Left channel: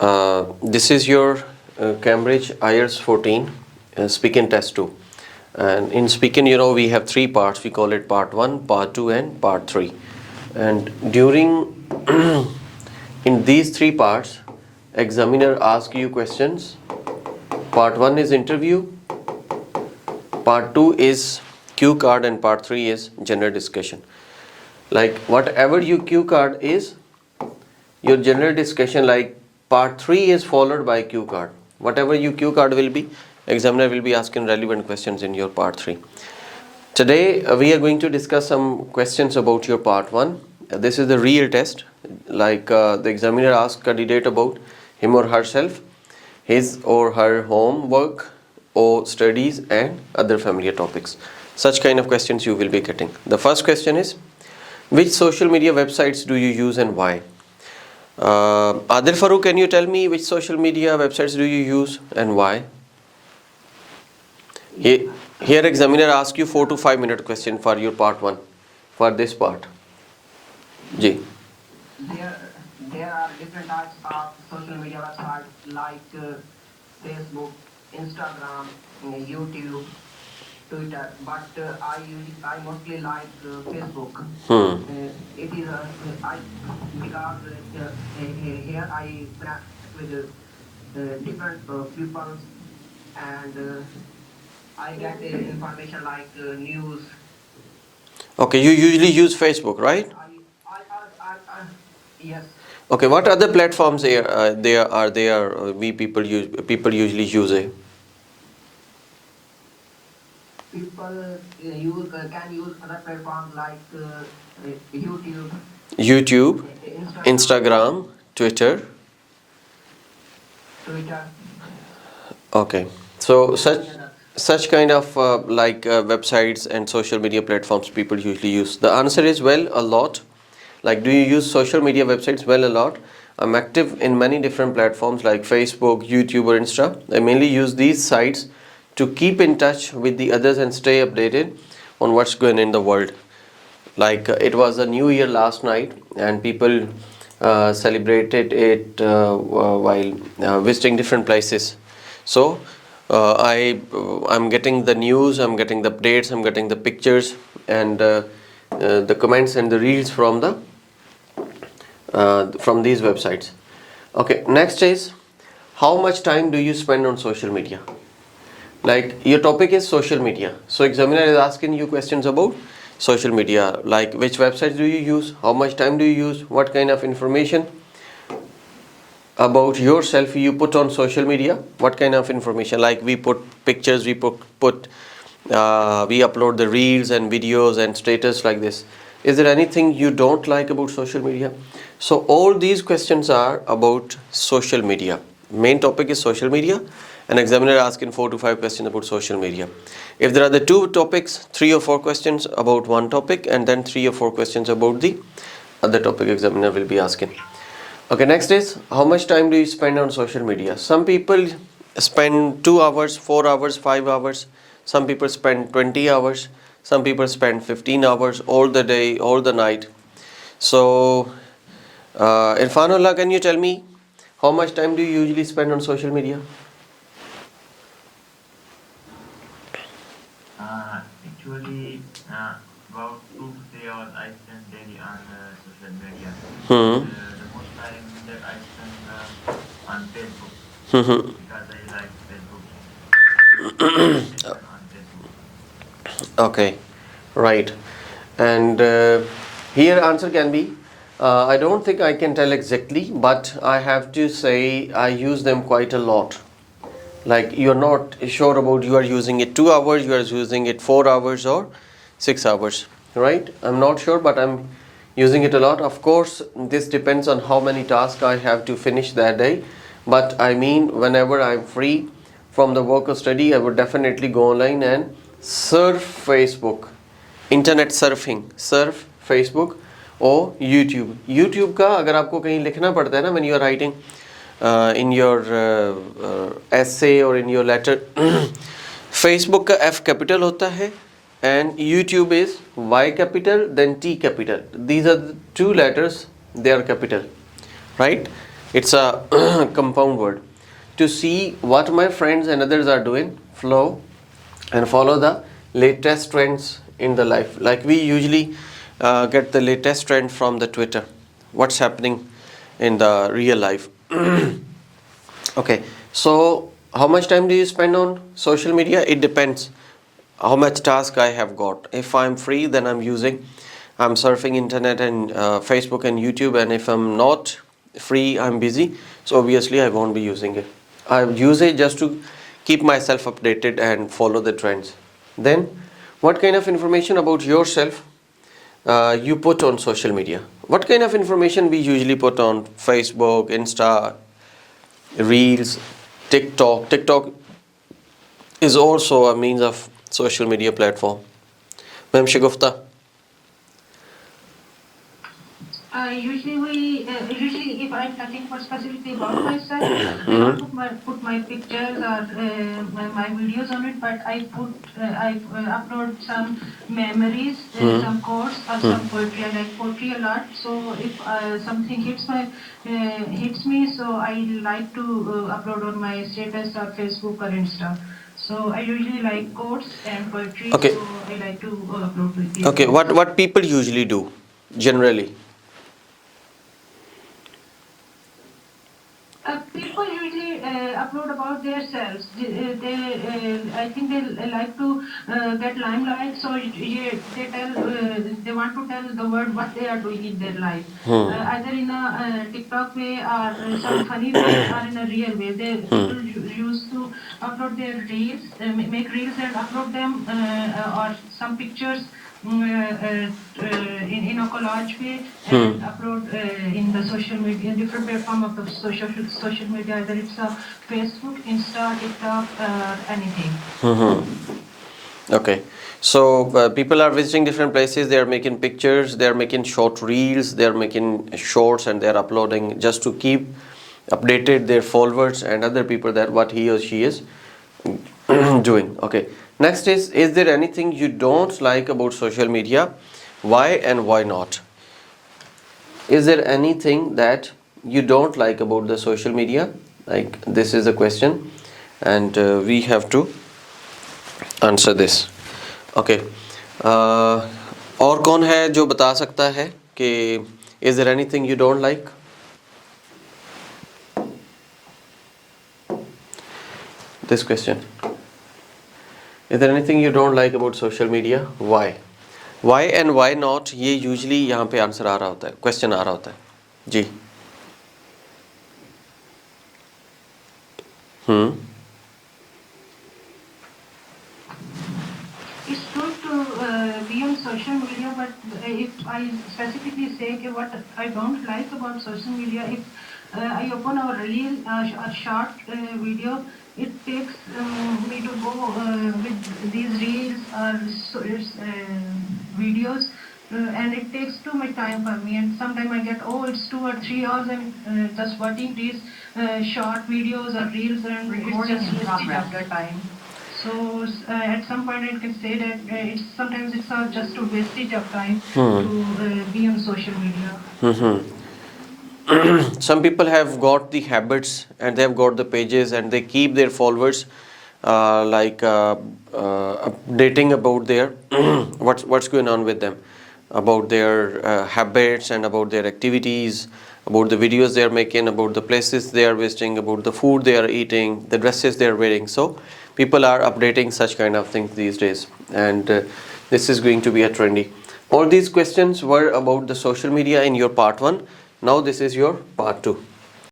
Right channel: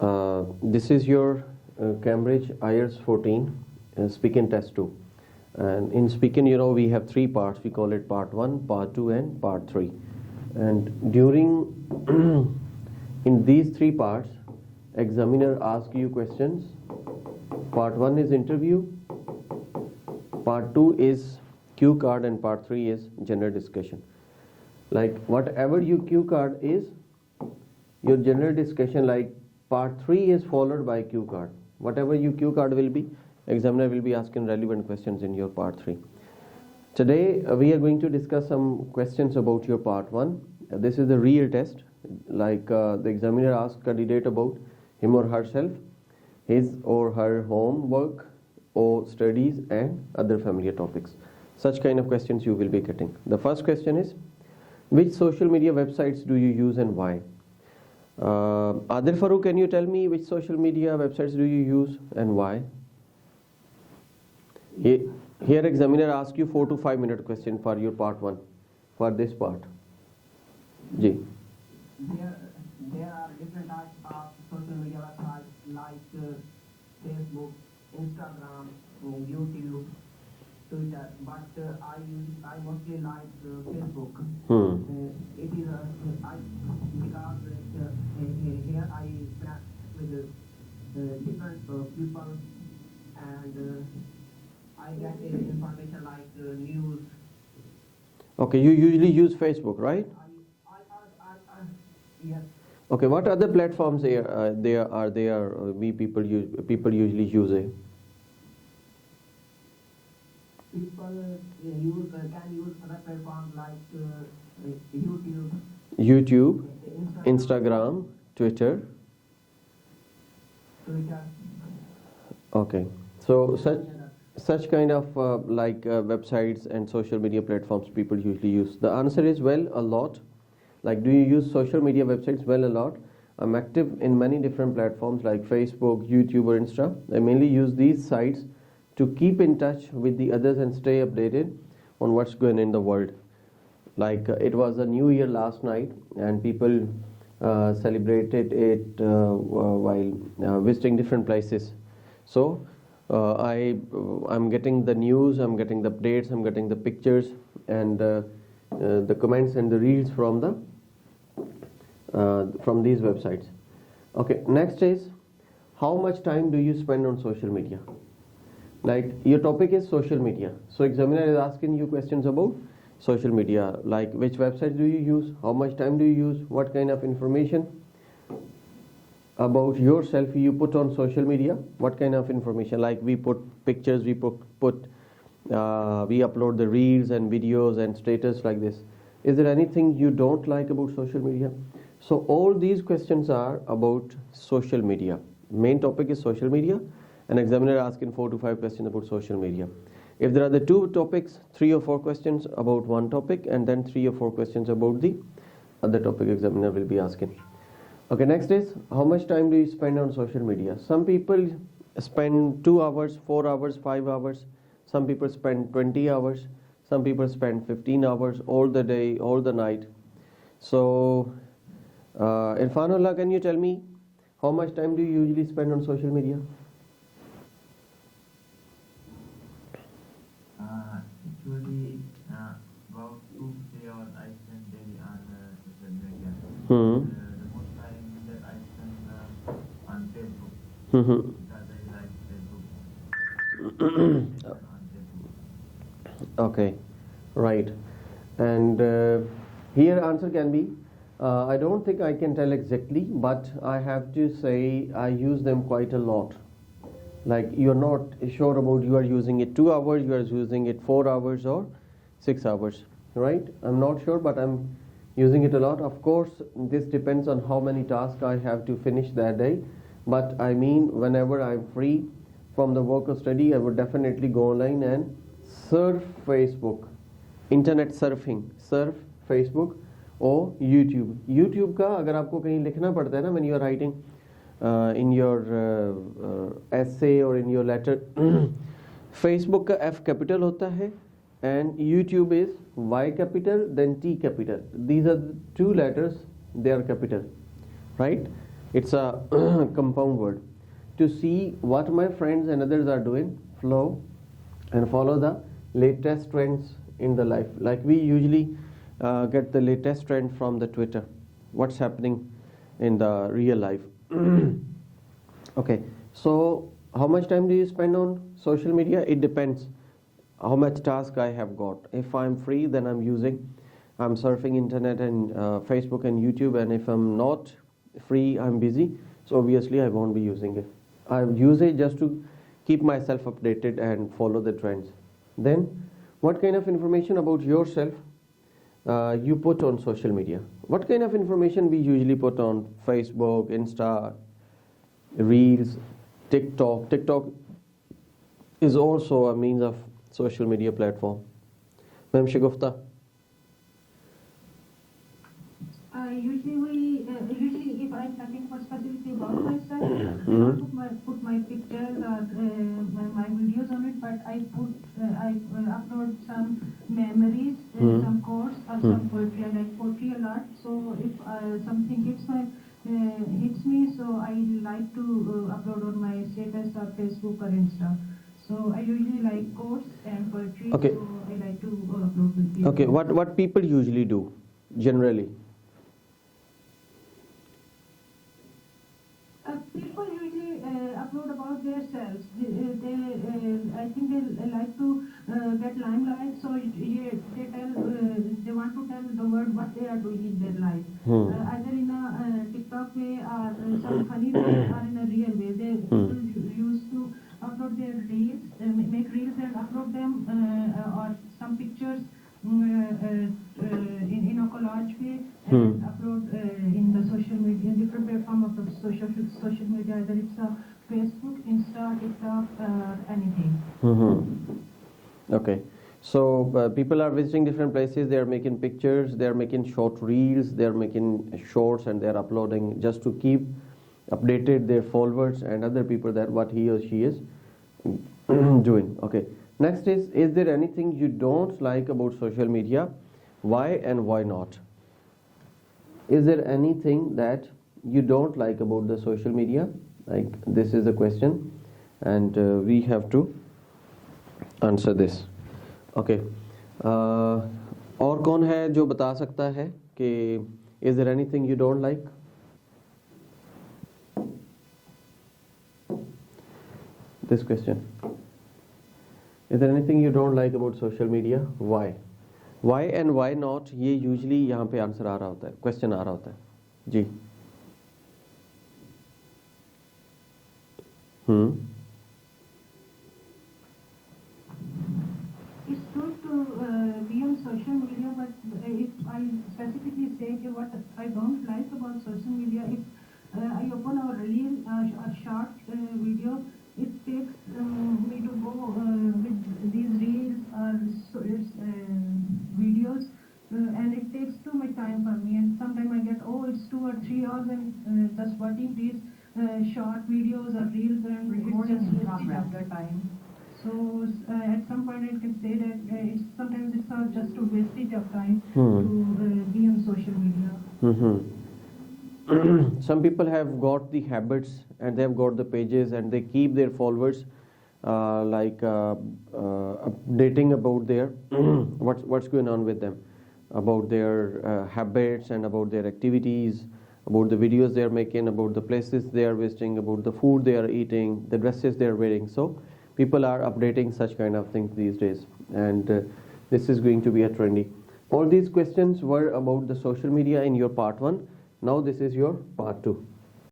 This is your Cambridge IELTS 14 speaking test 2. And in speaking, we have three parts. We call it part 1, part 2 and part 3. And during in these three parts, examiner asks you questions. Part 1 is interview, part 2 is cue card, and part 3 is general discussion. Like whatever your cue card is, your general discussion, like part 3 is followed by cue card. Whatever your cue card will be, examiner will be asking relevant questions in your part 3. Today we are going to discuss some questions about your part 1. This is the real test. Like the examiner asks candidate about him or herself, his or her homework or studies and other familiar topics. Such kind of questions you will be getting. The first question is, which social media websites do you use and why? Adil Farooq, can you tell me which social media websites do you use and why? Here examiner asks you 4 to 5 minute question for your part 1, for this part. Ji. There are different types of social media websites like Facebook, Instagram, YouTube, Twitter, but I mostly like Facebook. It is because here I interact with different people, and I get information like news. Okay, you usually use Facebook, right? Yes. Okay, what other platforms we people usually use it? People can use other platforms like YouTube, Instagram, Twitter. Okay, so such kind of websites and social media platforms people usually use. The answer is well, a lot. Like, do you use social media websites? Well, a lot. I'm active in many different platforms like Facebook, YouTube or Insta. I mainly use these sites to keep in touch with the others and stay updated on what's going in the world. Like it was a new year last night and people celebrated it while visiting different places. So I'm getting the news, I'm getting the updates, I'm getting the pictures and the comments and the reels from these websites. Okay, next is, how much time do you spend on social media? Like your topic is social media, so examiner is asking you questions about social media, like which websites do you use, how much time do you use, what kind of information about yourself you put on social media, what kind of information, like we put pictures, we upload the reels and videos and status like this. Is there anything you don't like about social media? So all these questions are about social media. Main topic is social media, and examiner asking 4 to 5 questions about social media. If there are the two topics, 3 or 4 questions about one topic, and then 3 or 4 questions about the other topic examiner will be asking. Okay, next is, how much time do you spend on social media? Some people spend 2 hours, 4 hours, 5 hours. Some people spend 20 hours. Some people spend 15 hours all the day, all the night. So, Irfanullah, can you tell me how much time do you usually spend on social media? Actually, about 2 to 3 hours I spend daily on social media. The most time that I spend on Facebook because I like Facebook. On Facebook. Okay, right. And here answer can be, I don't think I can tell exactly, but I have to say I use them quite a lot. Like you're not sure about you are using it 2 hours, you are using it 4 hours or 6 hours, right? I'm not sure, but I'm using it a lot. Of course, this depends on how many tasks I have to finish that day. But I mean, whenever I'm free from the work or study, I would definitely go online and surf Facebook. Internet surfing, surf Facebook or YouTube. YouTube का अगर आपको कहीं लिखना पड़ता है ना, when you are writing in your essay or in your letter, Facebook का F capital होता है and YouTube is Y capital then T capital. These are the two letters, they are capital, right? It's a compound word. To see what my friends and others are doing, flow and follow the latest trends in the life. Like we usually get the latest trend from the Twitter. What's happening in the real life? Okay, so how much time do you spend on social media? It depends how much task I have got. If I'm free, then I'm surfing internet and Facebook and YouTube, and if I'm not free, I'm busy, so obviously I won't be using it. I use it just to keep myself updated and follow the trends. Then what kind of information about yourself you put on social media? What kind of information we usually put on Facebook, Insta, Reels, TikTok is also a means of social media platform. Ma'am Shagufta. Usually if I'm talking for specifically about myself, I don't put my pictures or my videos on it, but I upload some memories, some quotes or some poetry. I like poetry a lot, so if something hits me, so I like to upload on my status or Facebook or Insta. So I usually like quotes and poetry, Okay. so I like to upload with people. Okay, what people usually do generally? People usually upload about themselves. I think they like to get limelight, so they want to tell the world what they are doing in their life, either in a TikTok way or some funny way or in a real way. People used to upload their reels, make reels and upload them, or some pictures in a collage way and upload in the social media, different platform of the social media, either it's a Facebook, Insta, TikTok, anything. Okay, so people are visiting different places, they are making pictures, they are making short reels, they are making shorts, and they are uploading just to keep updated their followers and other people that what he or she is doing. Okay, next is there anything you don't like about social media? Why and why not? Is there anything that you don't like about the social media? Like, this is a question, and we have to answer this. Okay. और कौन है जो बता सकता है कि is there anything you don't like? This question. Is there anything you don't like about social media? Why? Why and why not? ये usually यहाँ पे आंसर आ रहा होता है, question आ रहा होता है. जी. It's good to be on social media, but if I specifically say what I don't like about social media, if I open a reel, a short video, it takes me to go with these reels or videos, and it takes too much time for me. And sometimes I get, it's 2 or 3 hours and just watching these short videos or reels, and Recording it's just in wasting progress. of the time. So at some point I can say that sometimes it's just a wastage of time to be on social media. Some people have got the habits and they have got the pages and they keep their followers updating about their what's going on with them, about their habits and about their activities, about the videos they are making, about the places they are visiting, about the food they are eating, the dresses they are wearing. So people are updating such kind of things these days, and this is going to be a trendy. All these questions were about the social media in your part 1. Now this is your part 2.